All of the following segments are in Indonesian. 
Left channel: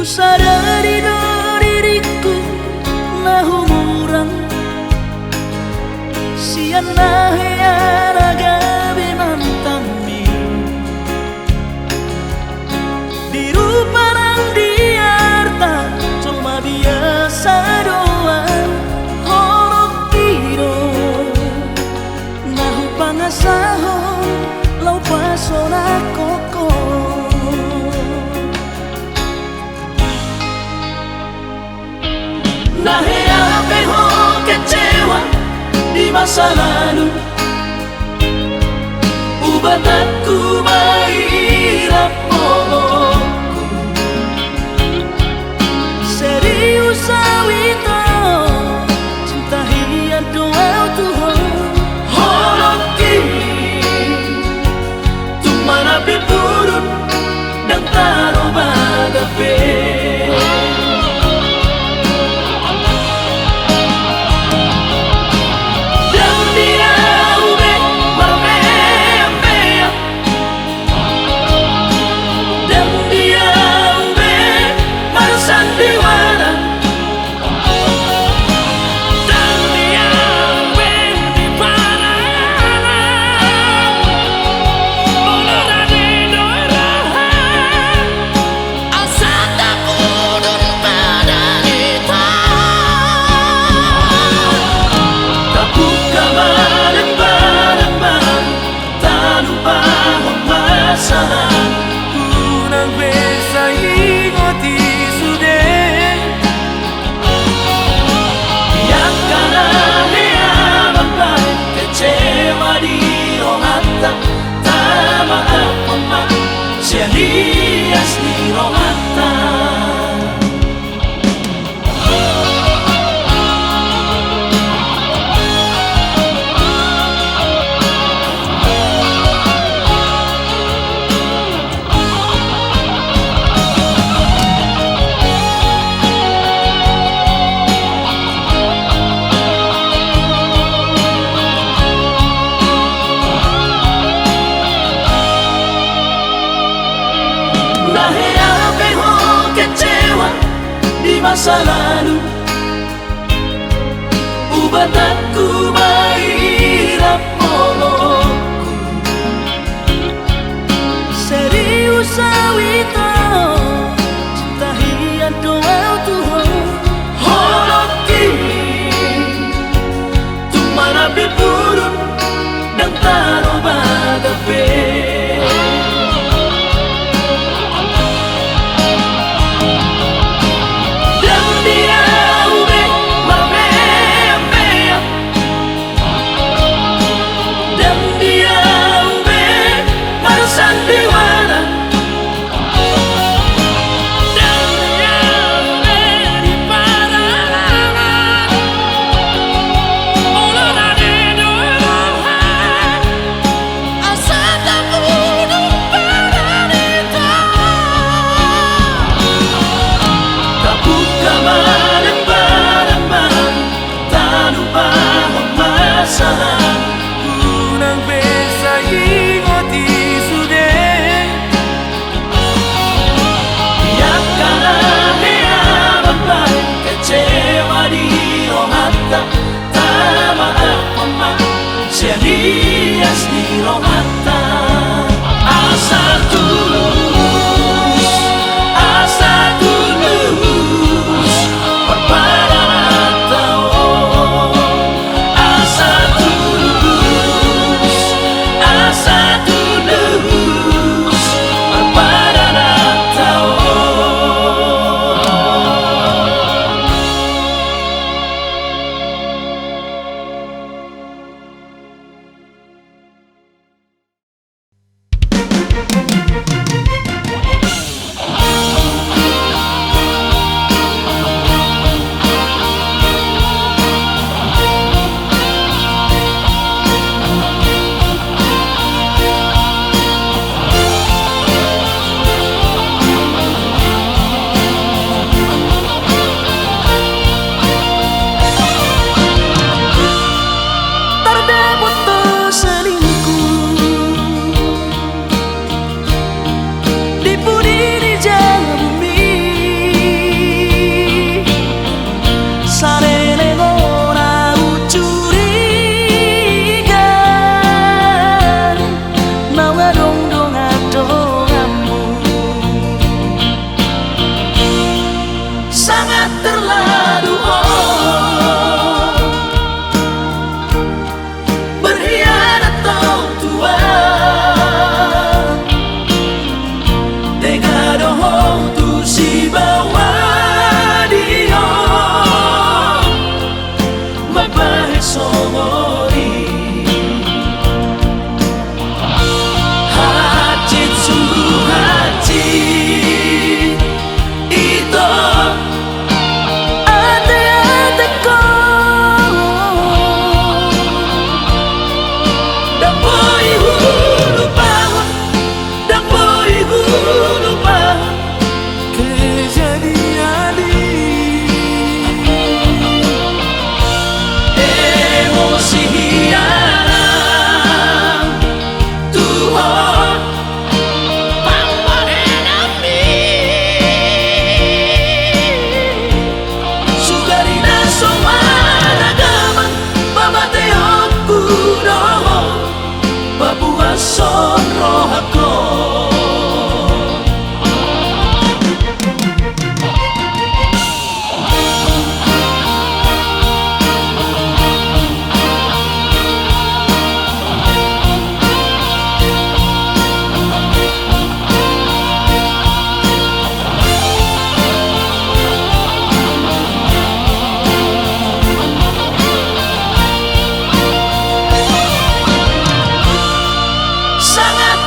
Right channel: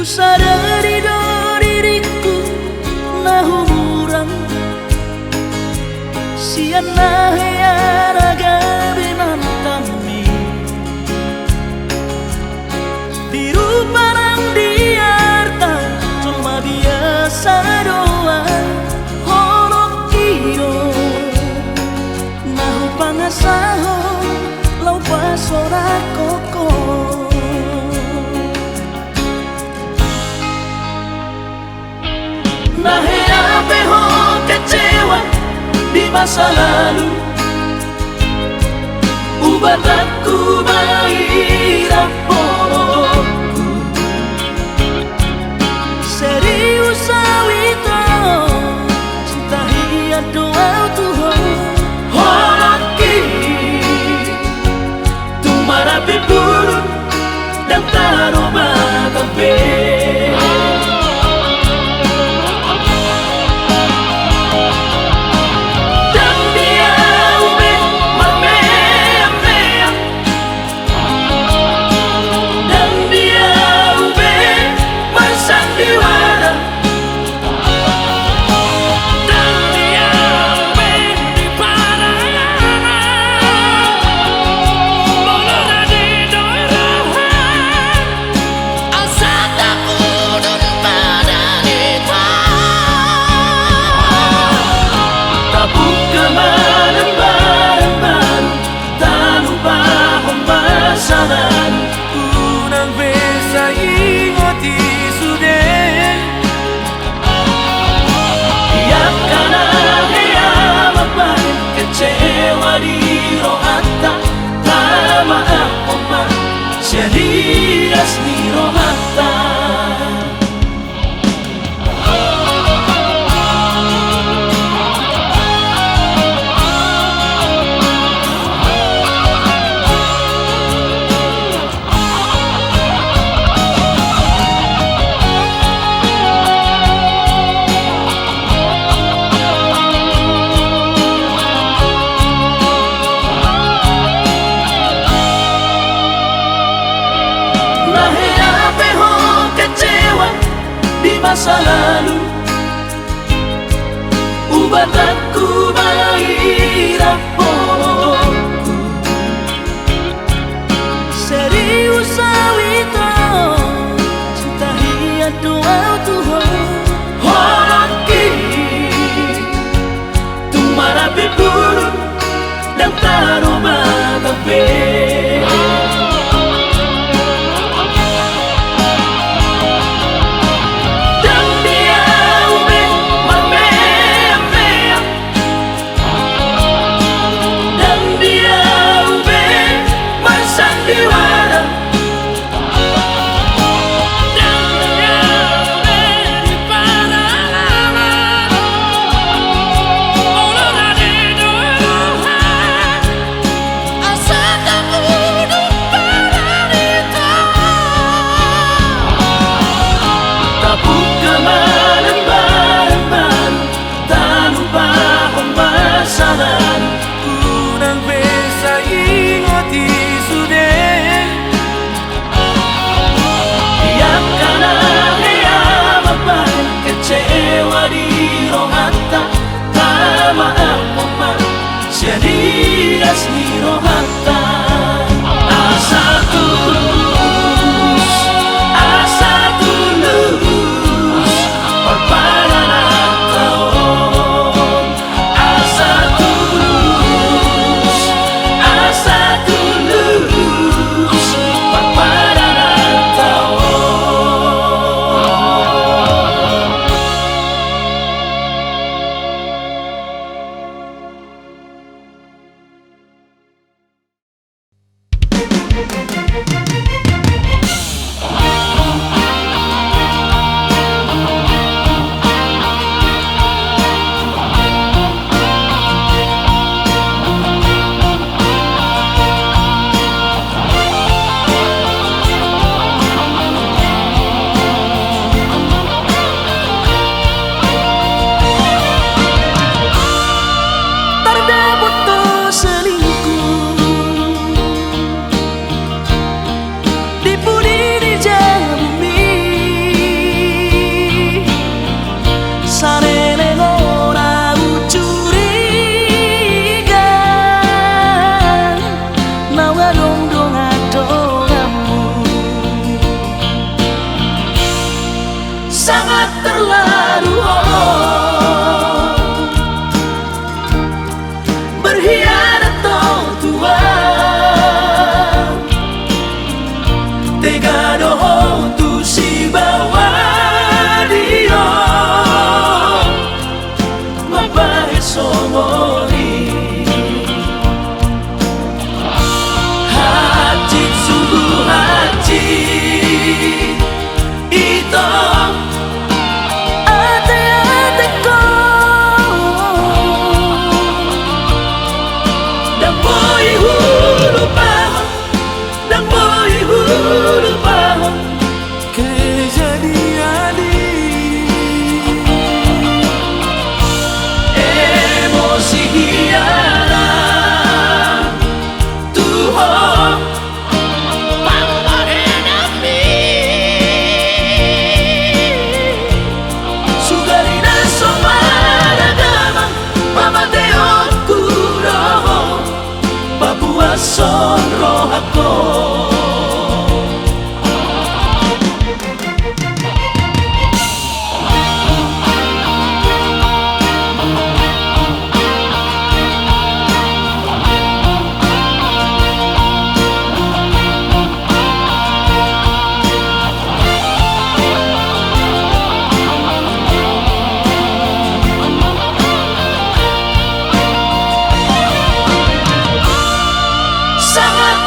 Ku sadari do diriku na humurang siana heana gabi mantami di rupa nang diarta cuma biasa doang horok kiro nahu pangasahon lau pasora koko. Nahe ape ho kecewa di masa lalu, ubat aku mahirap pomoku serius awito cinta hiat doa Tuhan horok kini tumara buruk dan taroba kafe. Dias ni rohata Nahe ape ho kecewa di masa lalu, ubat aku mahirap pomoku serius awito cinta hiat doa Tuhan horok kini tumara buruk dan taroba kafe. Dias ni rohata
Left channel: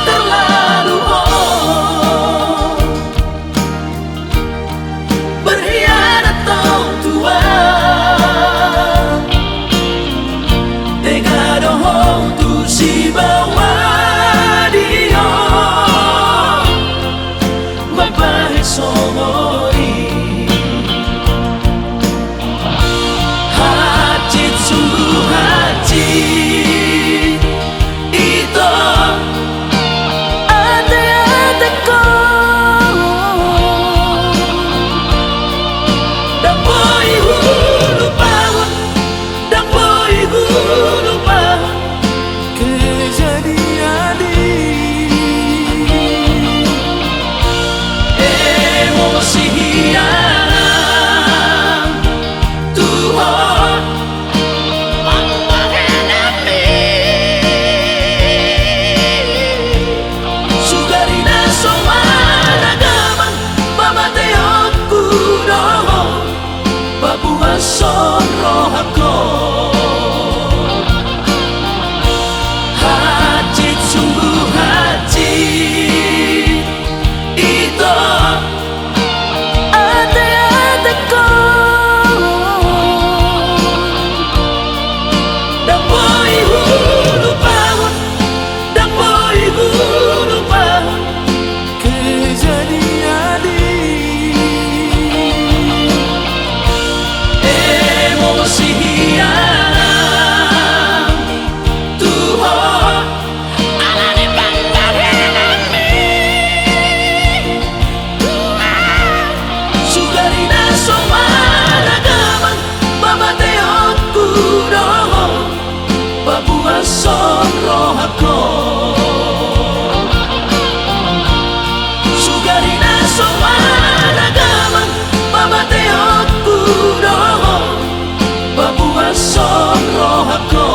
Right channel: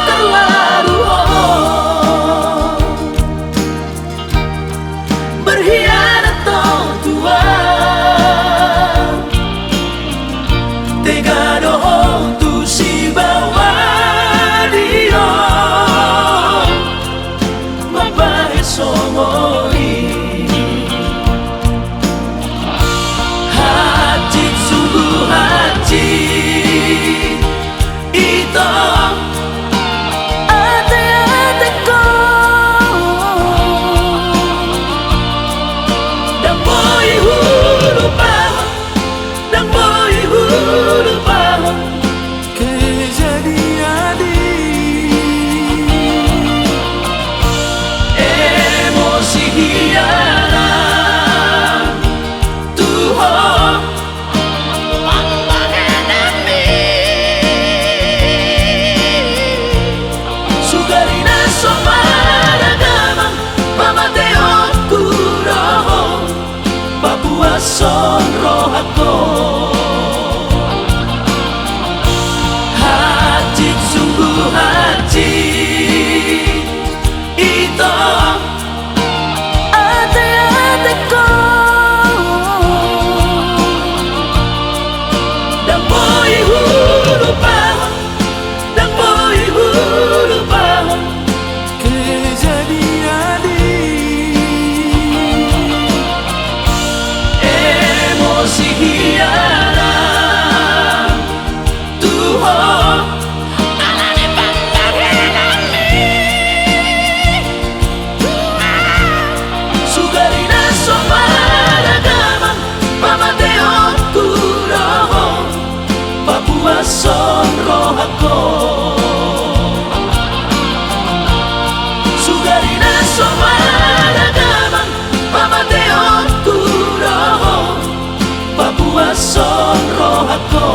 terlalu berkhianat dong Tuhan, tega dohong tu si bawa dia mapahit somoi hati tu hati ito ate-ate ko dapoy hulu bangun, dapoy hulu bangun kejadian emosi hianat Tuhan pambanganami sugarina somaragama mamateo kuroho Papua sonro ako hati sungguh hati ito ate-ate ko dapoy hulu bangun, dapoy hulu bangun kejadian emosi hianat Tuhan alane pambanganami sugarina somaragama mamateo kuroho Papua sonro ako sugarina somaragama mamateo kuroho Papua sonro ako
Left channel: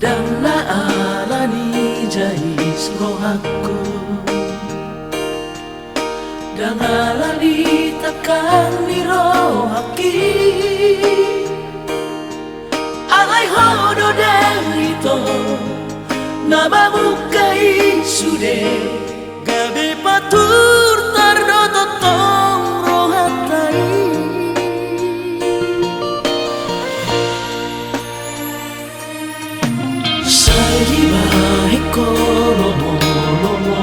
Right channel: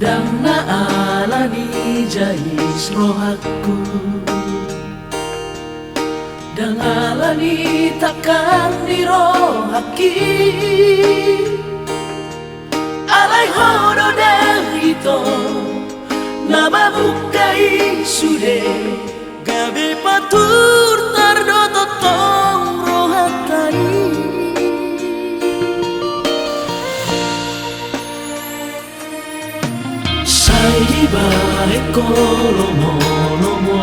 dan naalani jahis rohaku dan alani takkan dirohaki alai hodo dan ito nababukai sude gabe patur tardo totong rohatai Saiba ekolomo-lomo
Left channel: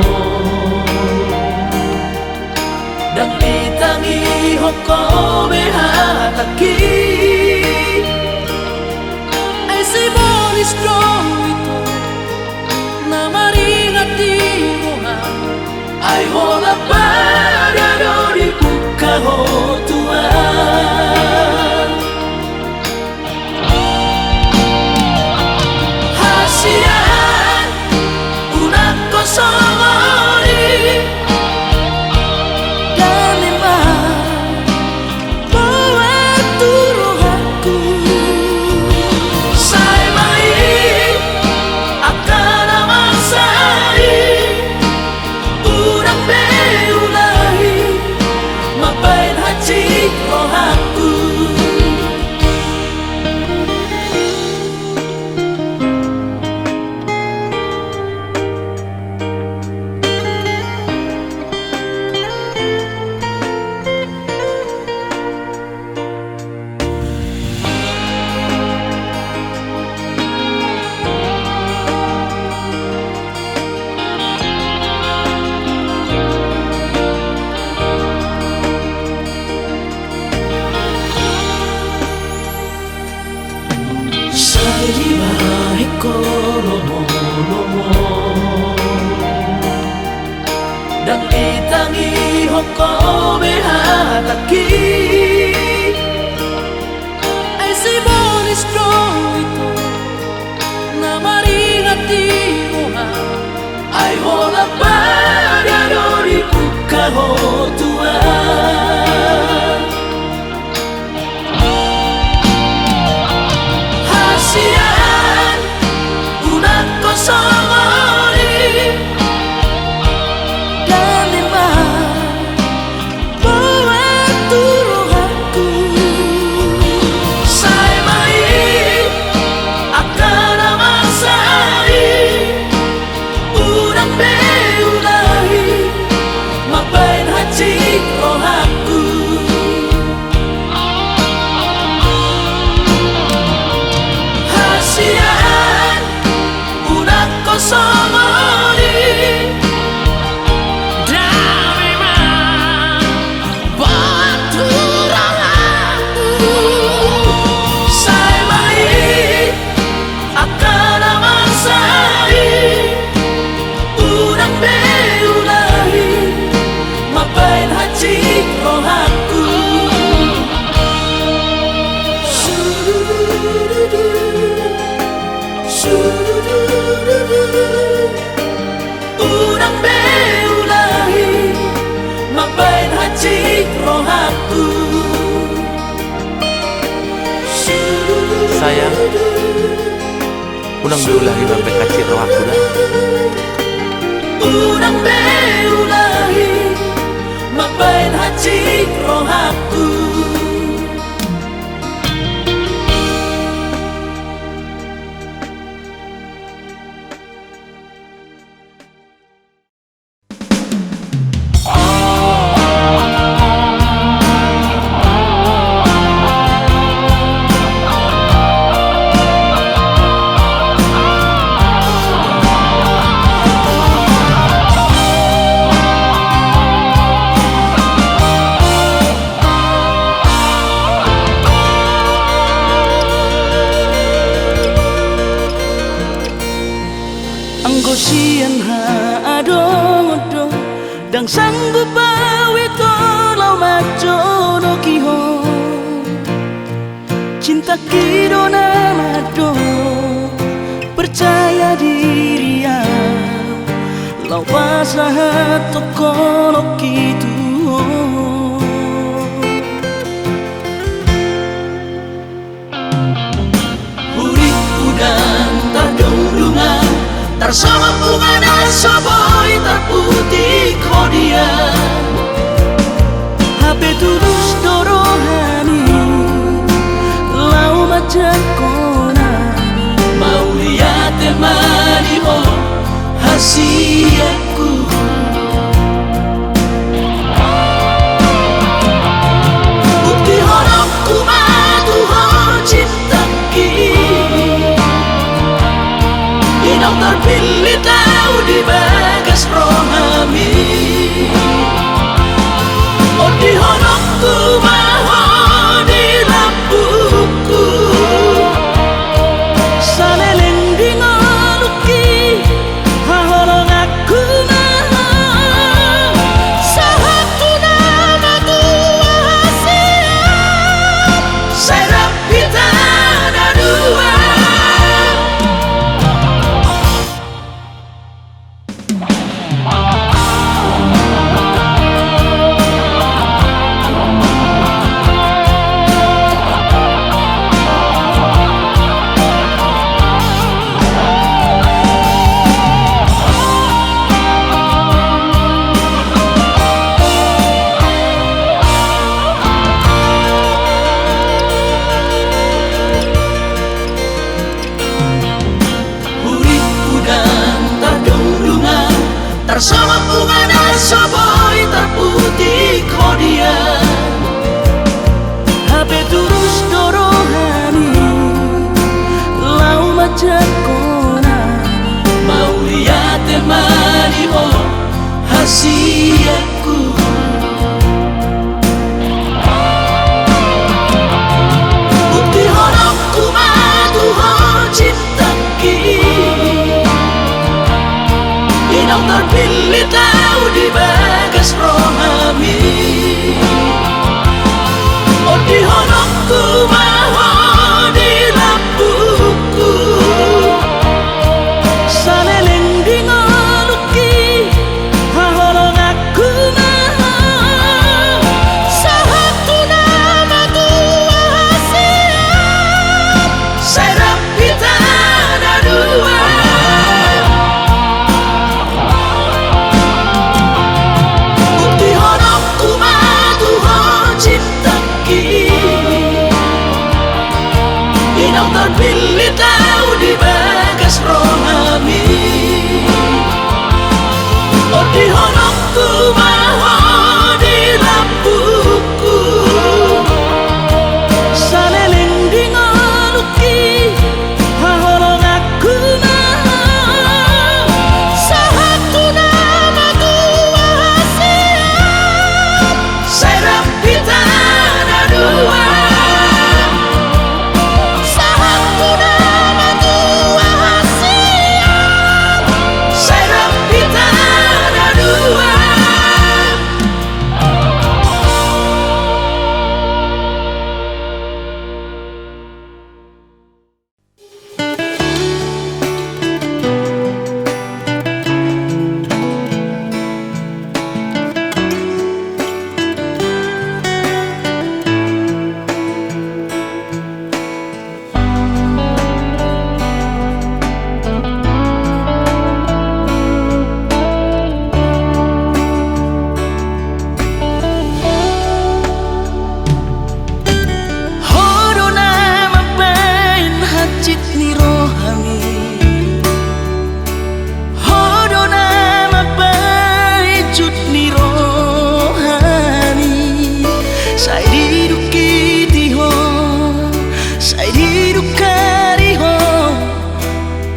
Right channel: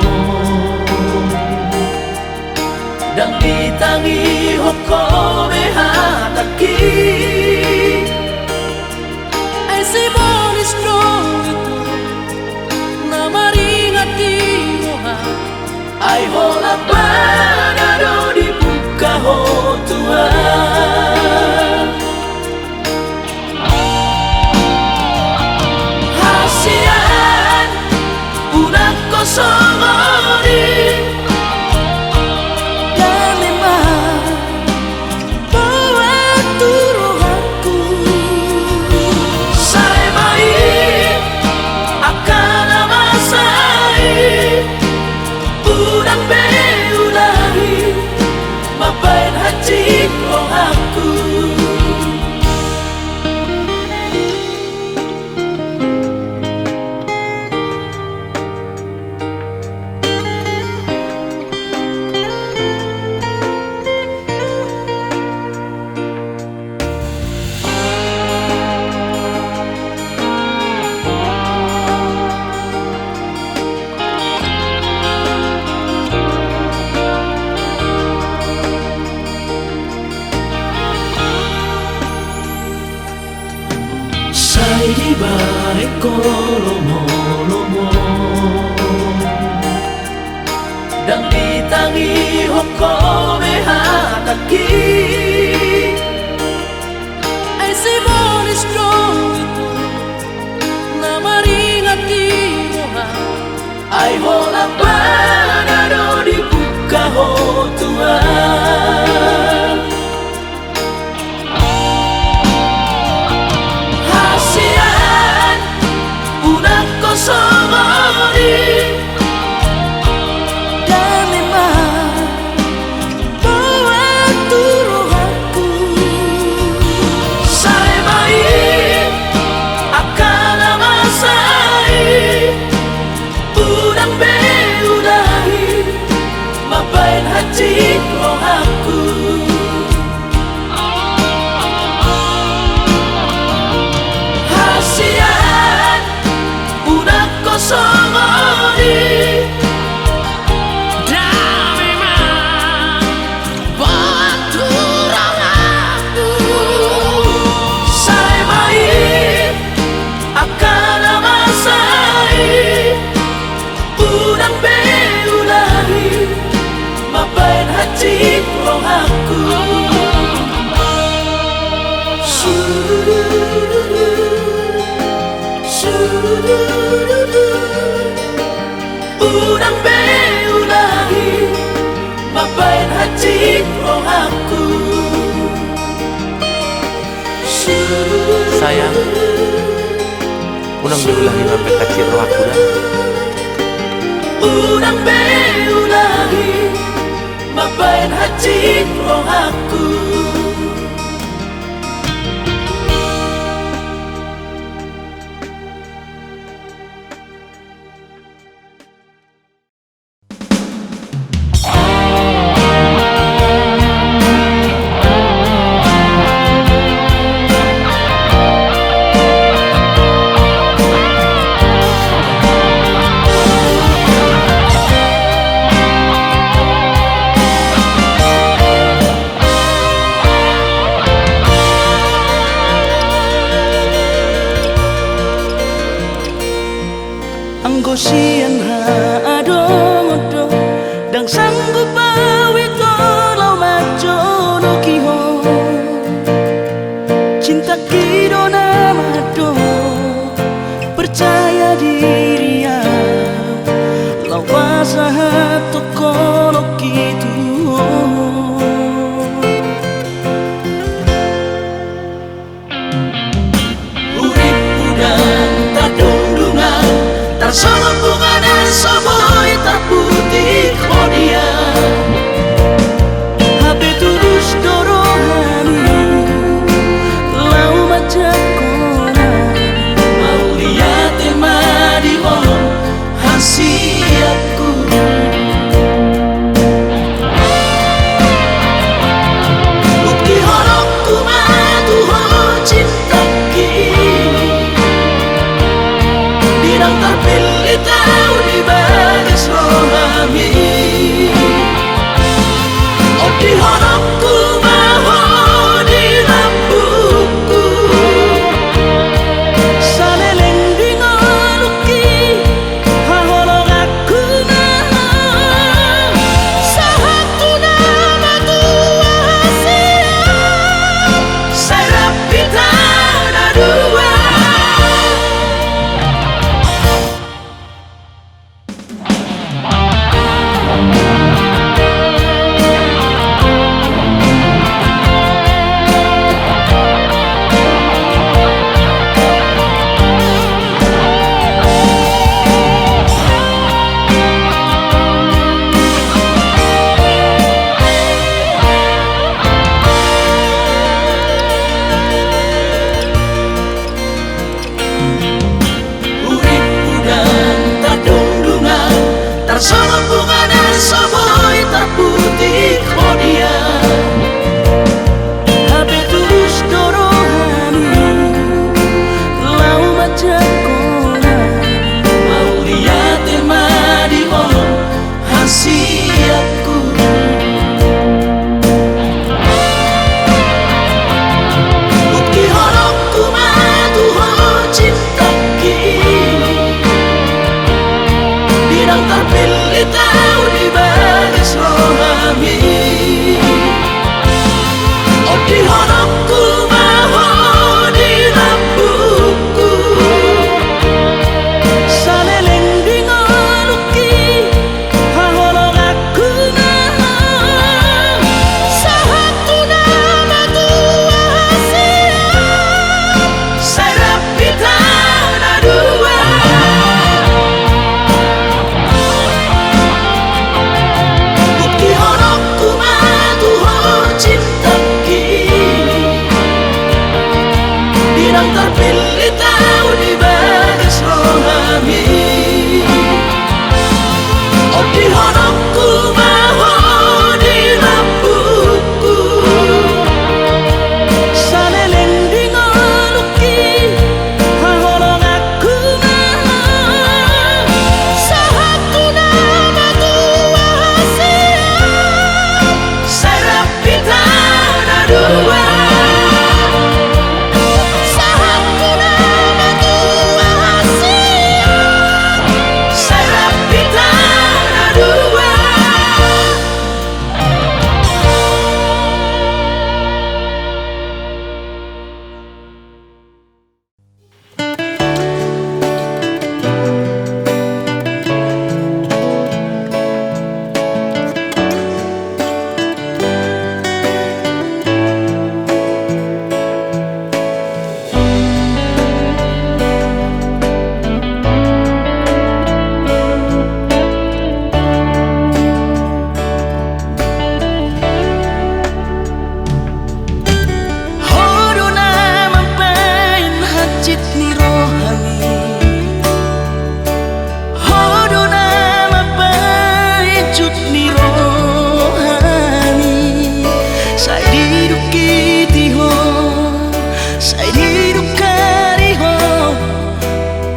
dan ditangi hokobe hataki ai si boni strong ito na maringat di roha ai hola para do dibuka ho Tuhan hasian unak kosongori dan memang buat turuhanku saya baik akan amasai unak beulahi mapain hati rohaku Saiba ekolomo-lomo dan ditangi hokobe hataki sayang, unang beulahi sampai kacir roh aku dah. Unang beulahi mabain hati roh aku. Anggo sian ha adong-odong dang sanggup awito lau majo no kiho cinta kido namado percaya diri lau pasahat toko no kitu Urip udang tadung-dungan sama bunga dan soboy tak putih kodia HP tulus dorohani lau macam kona mau lihat temani mo hasiatku bukti horokku matuho cinta ki Dinang terpilih tahu di bawah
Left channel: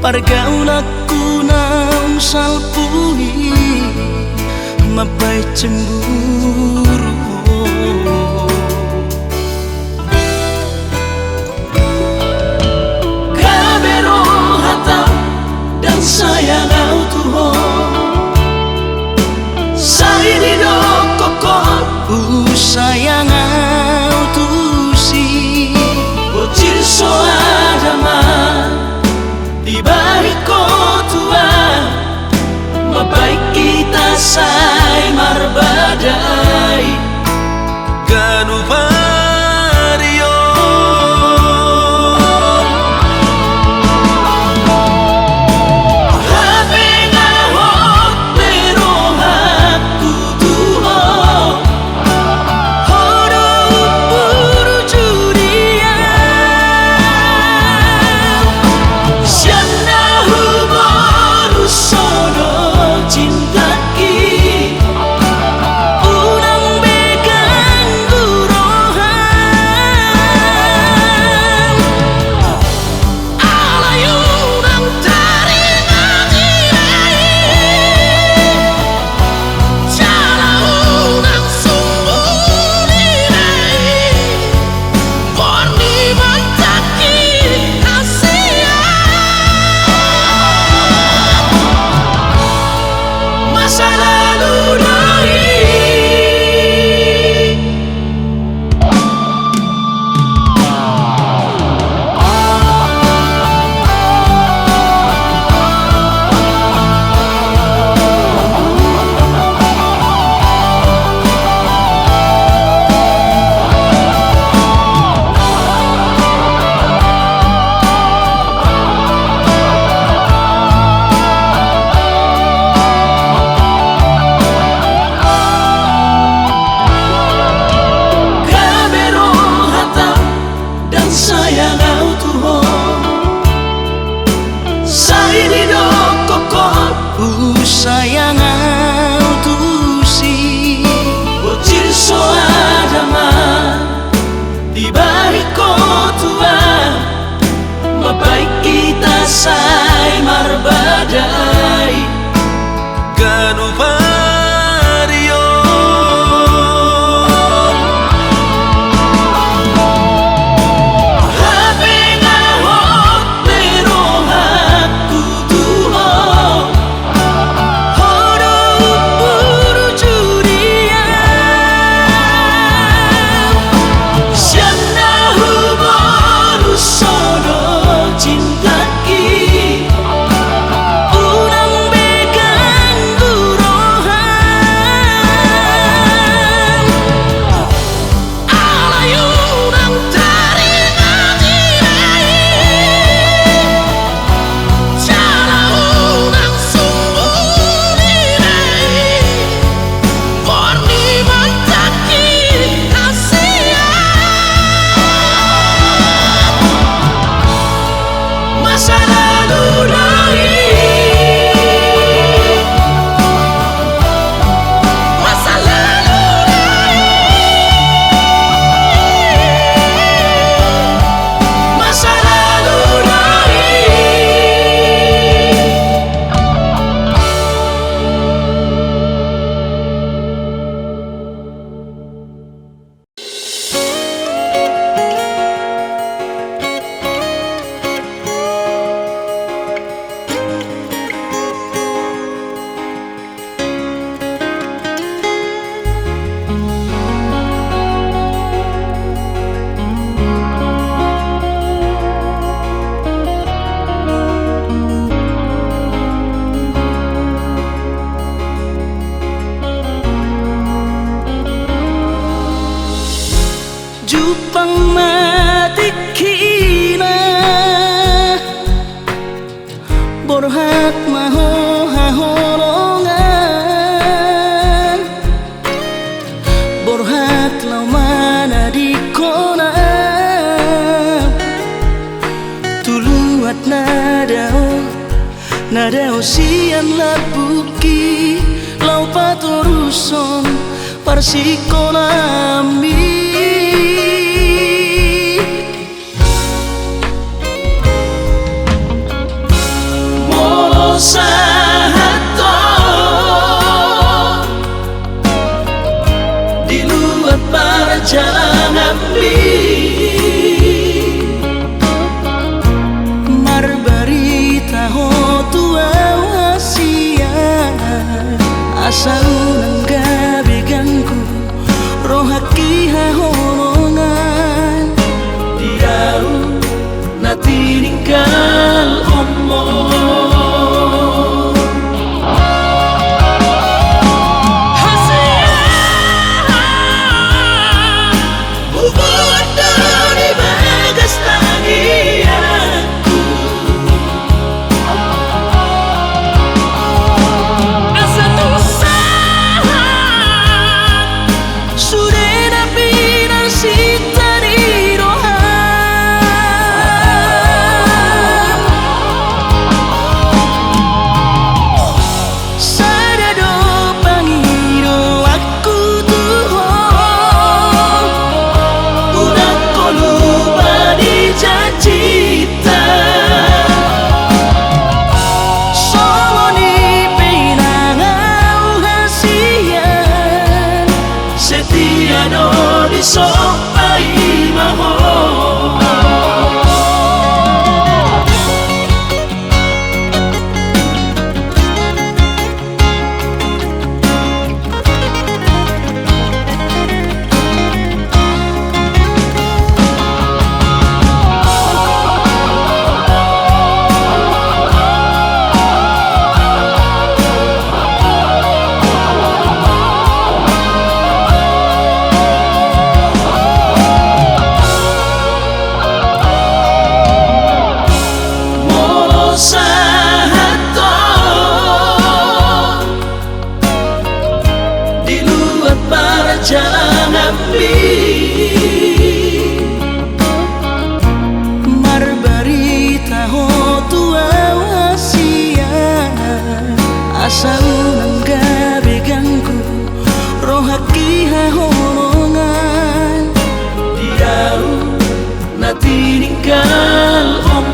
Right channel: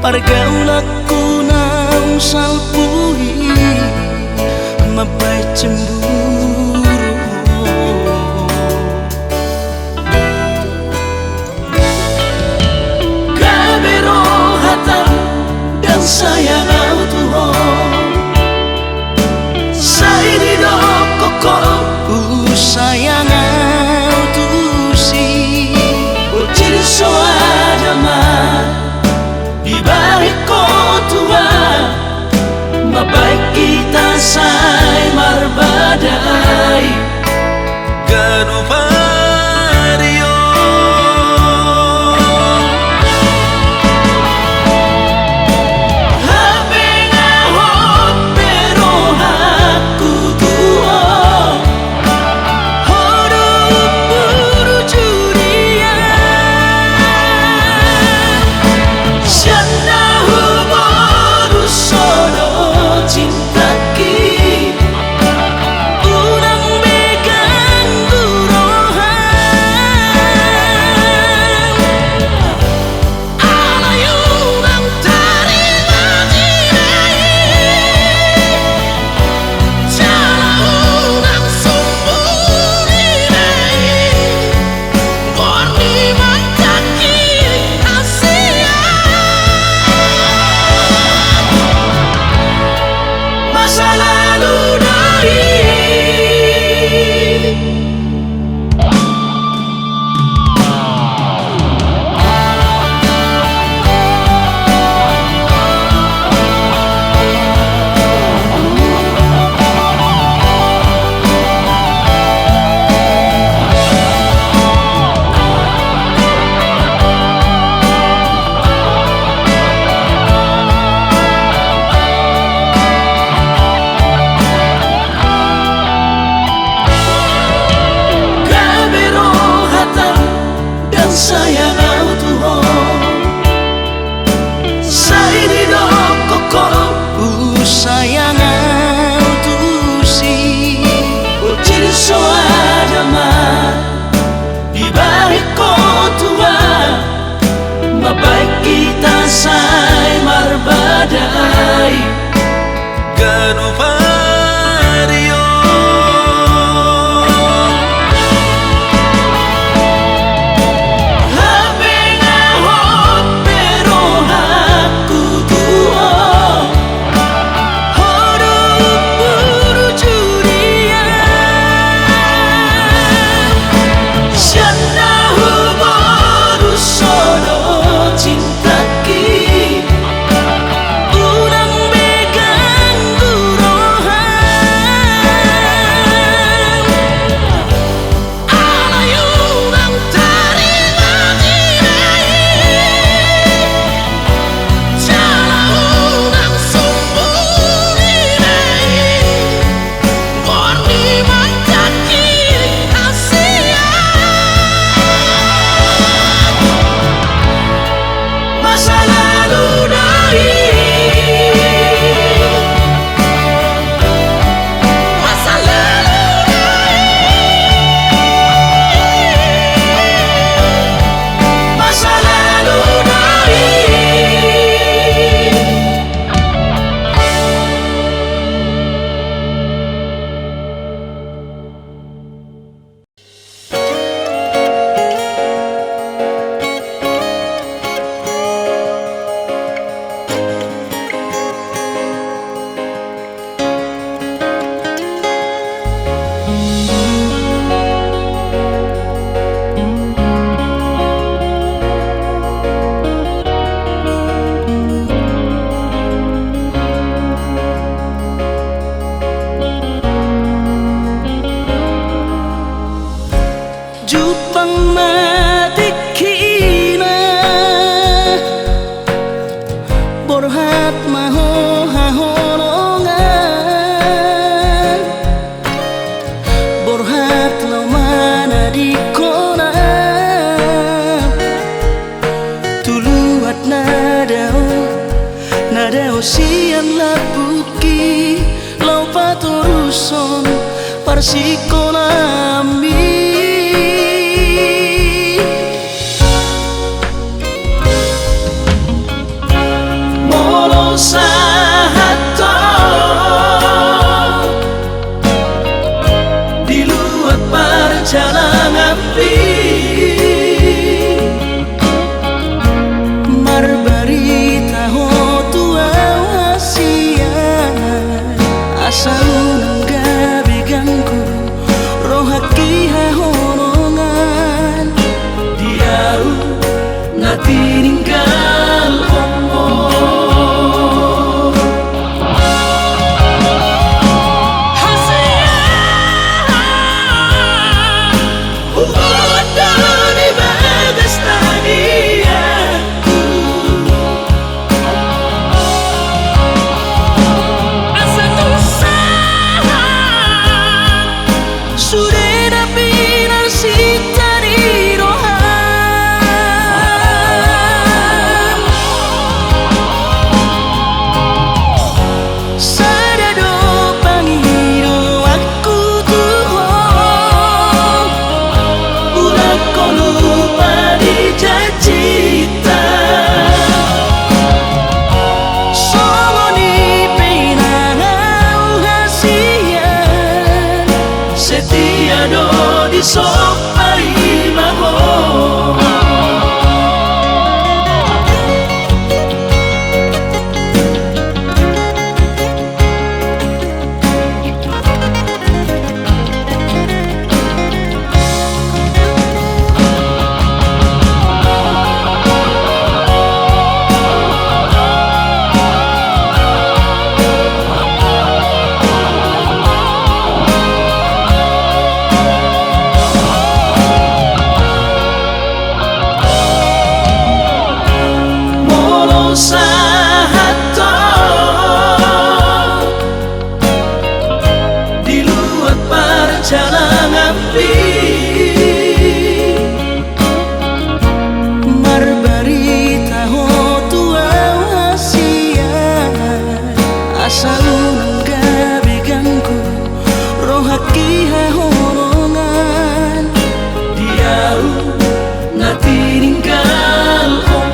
Pargaulaku naung salpui mabai cemburu. Kabero hatam dan sayang Tuhan saini do kokon sayang tusi ucir soadama di balik kotua mabaik kita say marbadai ganupario habena hot pero aku tuho horo puru juria sianda huboru sodo cintaki unang begang gurohan alayunang tarima dirai jala unang sumbu dirai gorni mantaki kasihan masa lalu dari Kabero hatam dan sayang Tuhan saini do kokon sayang tusi ucir soadama di balik kotua mabaik kita say marbadai ganupario habena hot pero aku tuho horo puru juria sianda huboru sodo cintaki unang begang gurohan alayunang tarima dirai jala unang sumbu dirai gorni mantaki kasihan masa lalu dari masa lalu dari masa lalu dari Jupang matikina borhat maho haholongan borhat laumana di kona tuluat nadao sian labuki lau patoruson parsikolami asa unang gabi ganggu rohaki hahonongan diau na tininggal omo asa unang gabi ganggu rohaki hahonongan diau na tininggal omo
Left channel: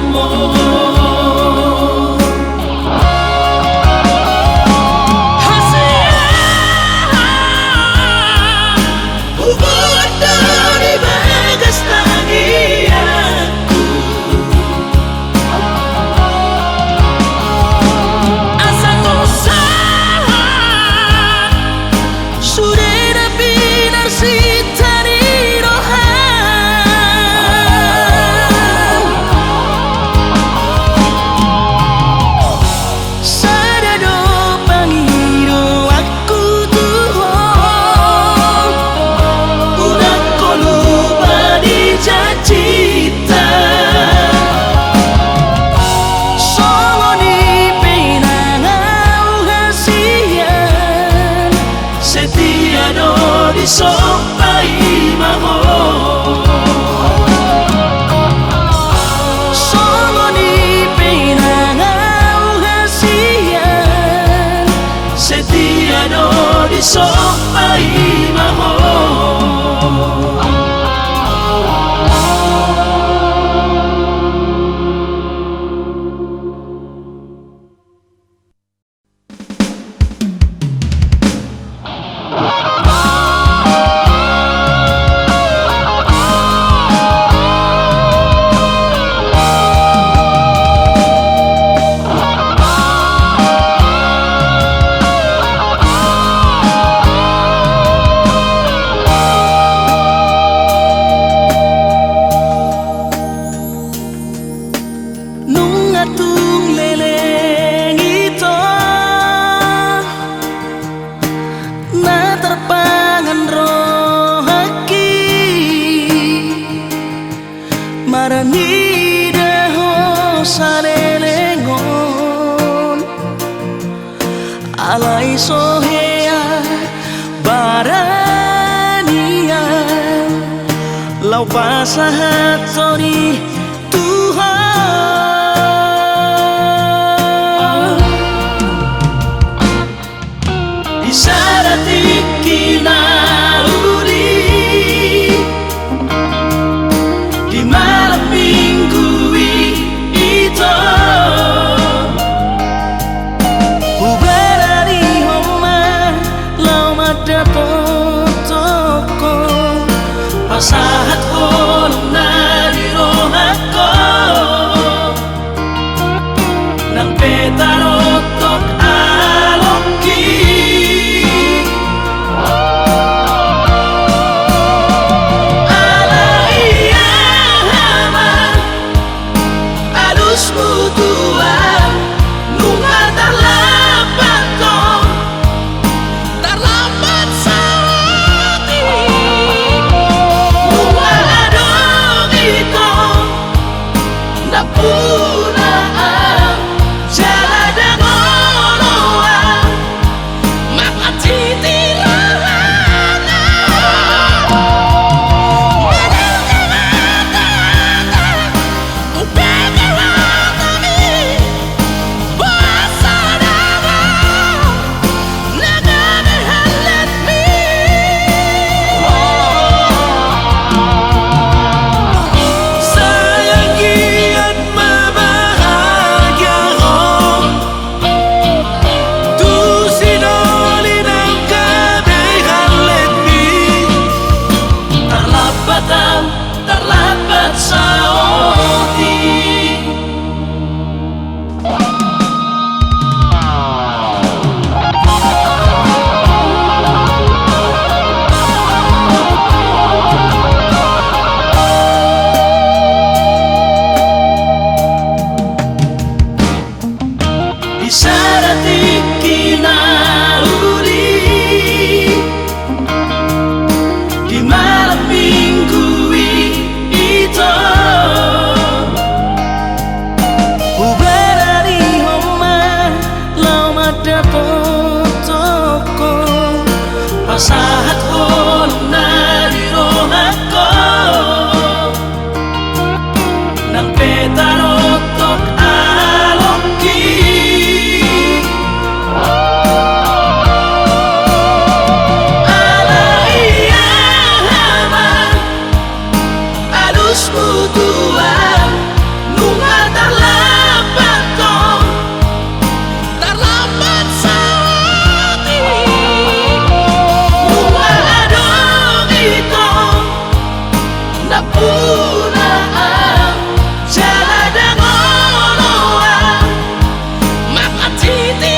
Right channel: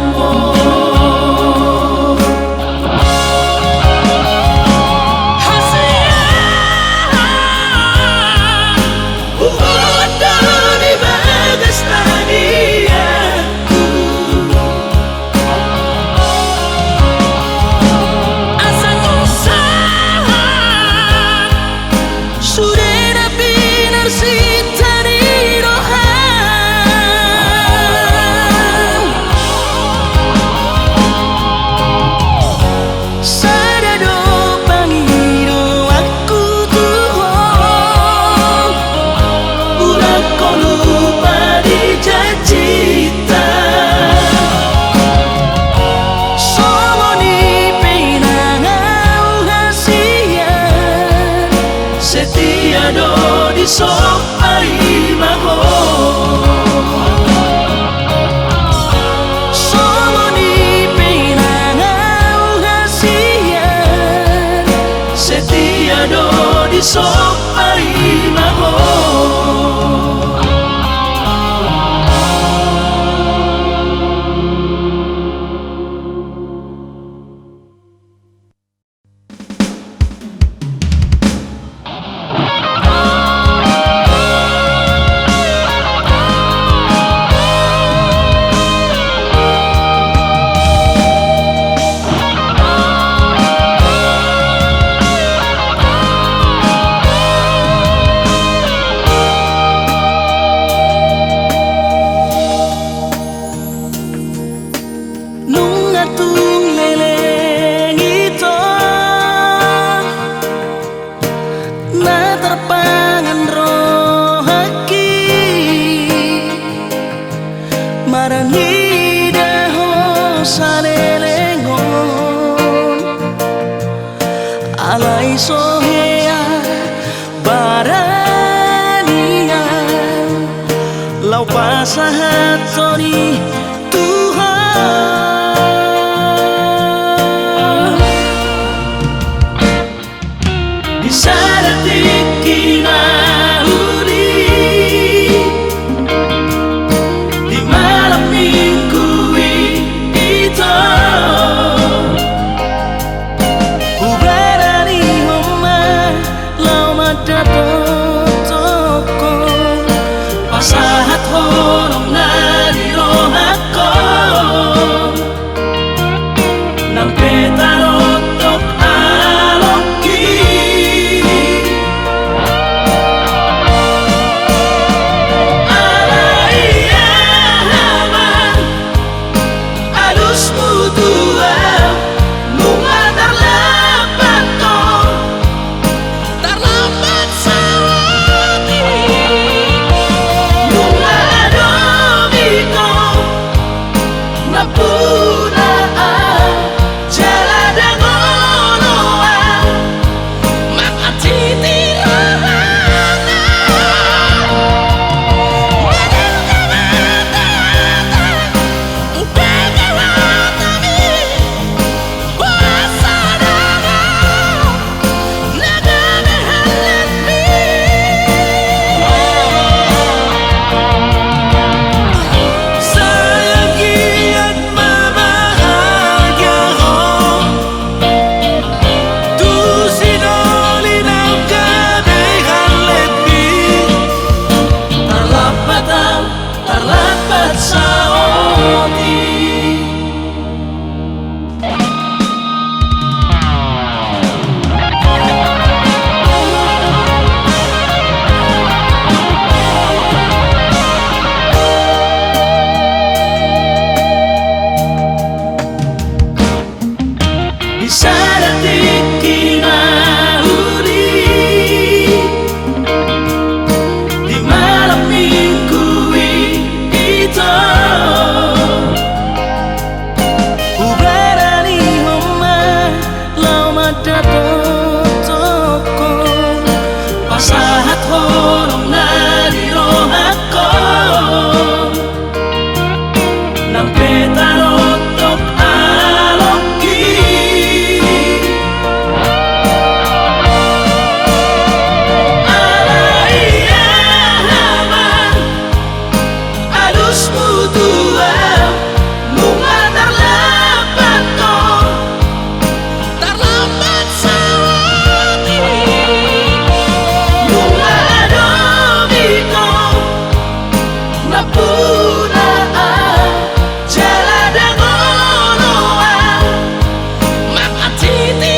marani daho sanelengon alai sohea barania lau pasahatori Tuhan di saat ikina pasahat holong nari rohat tua nunga terlambat dong, terlambat sawati nunga adong ito napuna jala dangonoa makatiti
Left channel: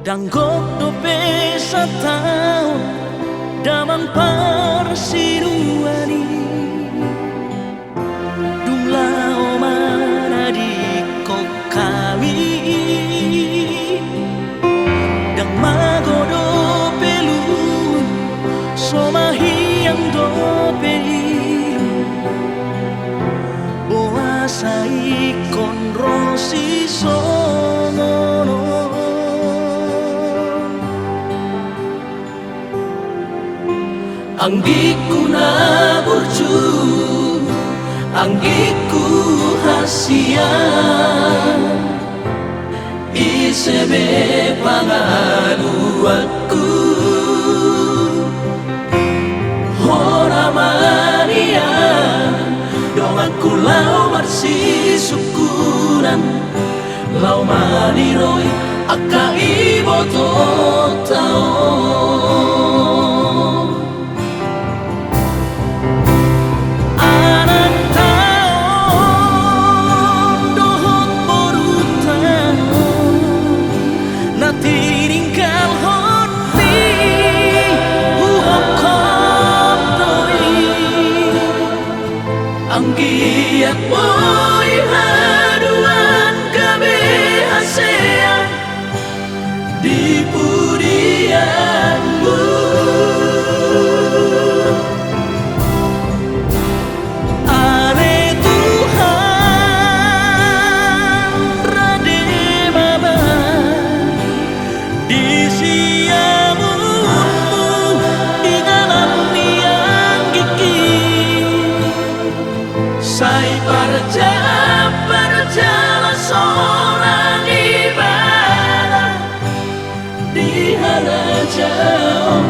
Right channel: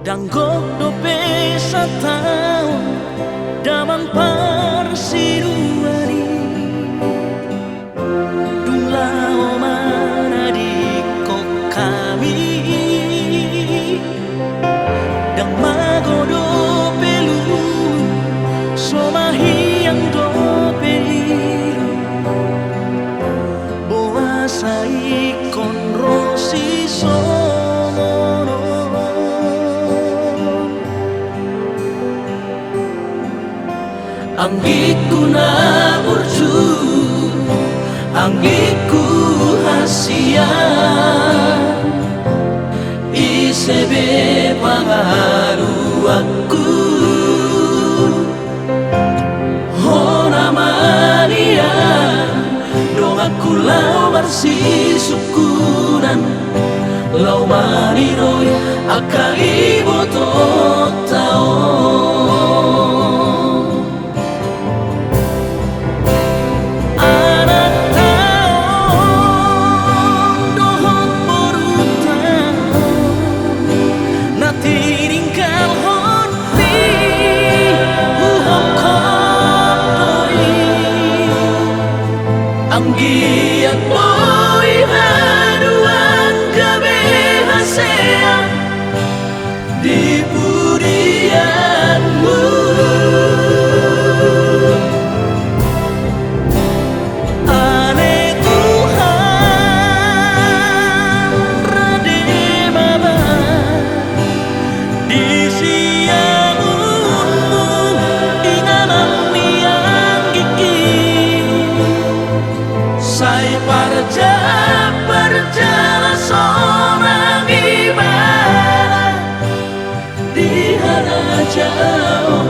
Danggok dope sa taon damang parsinuani Dulao mana di kok kami Dang magodo pelun somahi yang dope ilu Boa sai kon rosi songono Anggiku na burcu, anggiku hasian Isebe pangalu aku Hona Maria Dong aku lau marsi syukuran Lau mariroy aka ibo totao Anggiat boy haduan gabe hasea di pudianmu Ale Tuhan rade baba di siamunmu inganan yang gigi Sai perjala seorang ibadah di hana jauhmu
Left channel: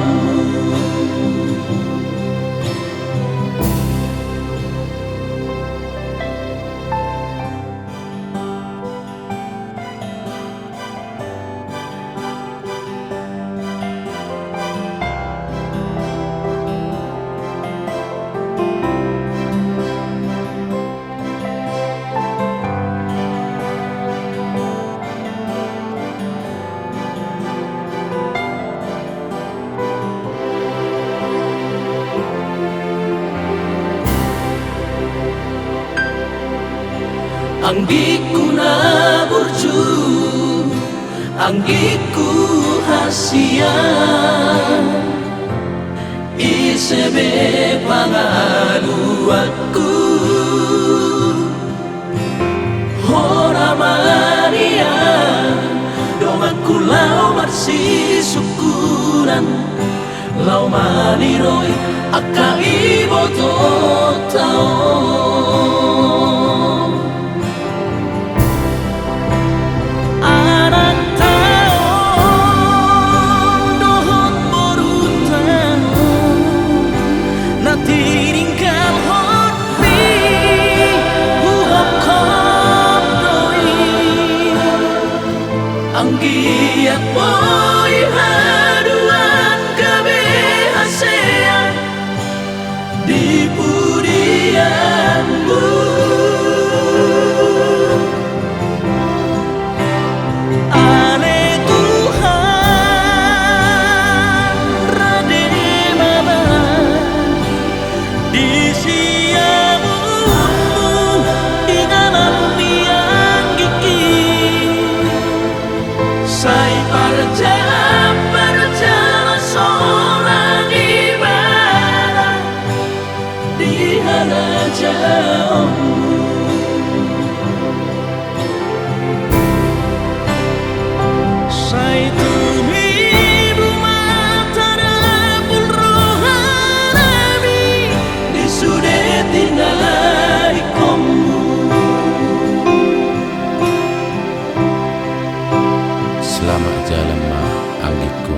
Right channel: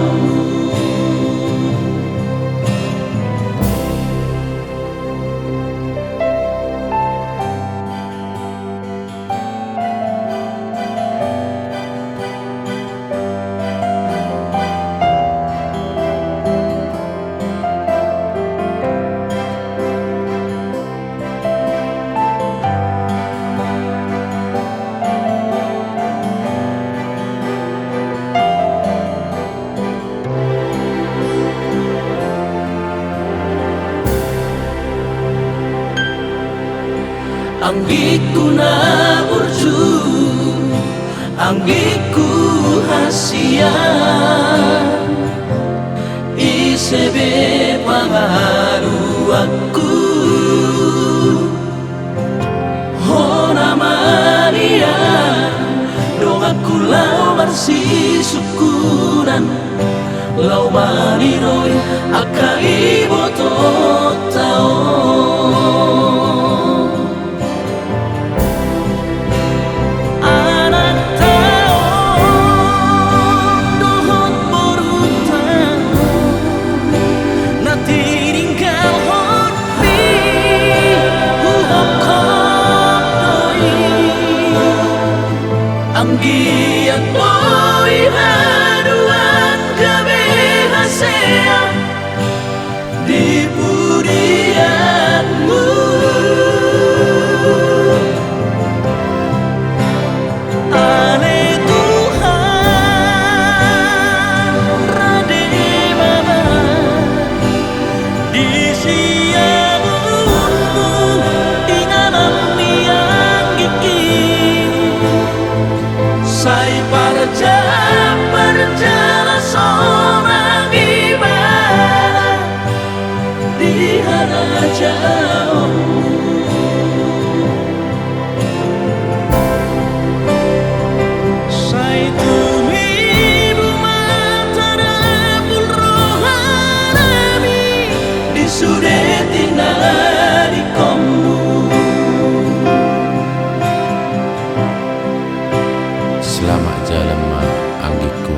Anggiku na burcu, anggiku hasian Isebe pangalu aku Hona Maria Dong aku lau marsi syukuran Lau mariroy aka ibo totao Anak taon moi haduan kebahagiaan di pujianmu. Ale Tuhan Rade Baba di siamunmu inganan yang gigi Sai perjalanan seorang ibadah di harajaanmu. Sai tumiru matarapul rohani Di sudetina di komu. Selamat jalan ma anggiku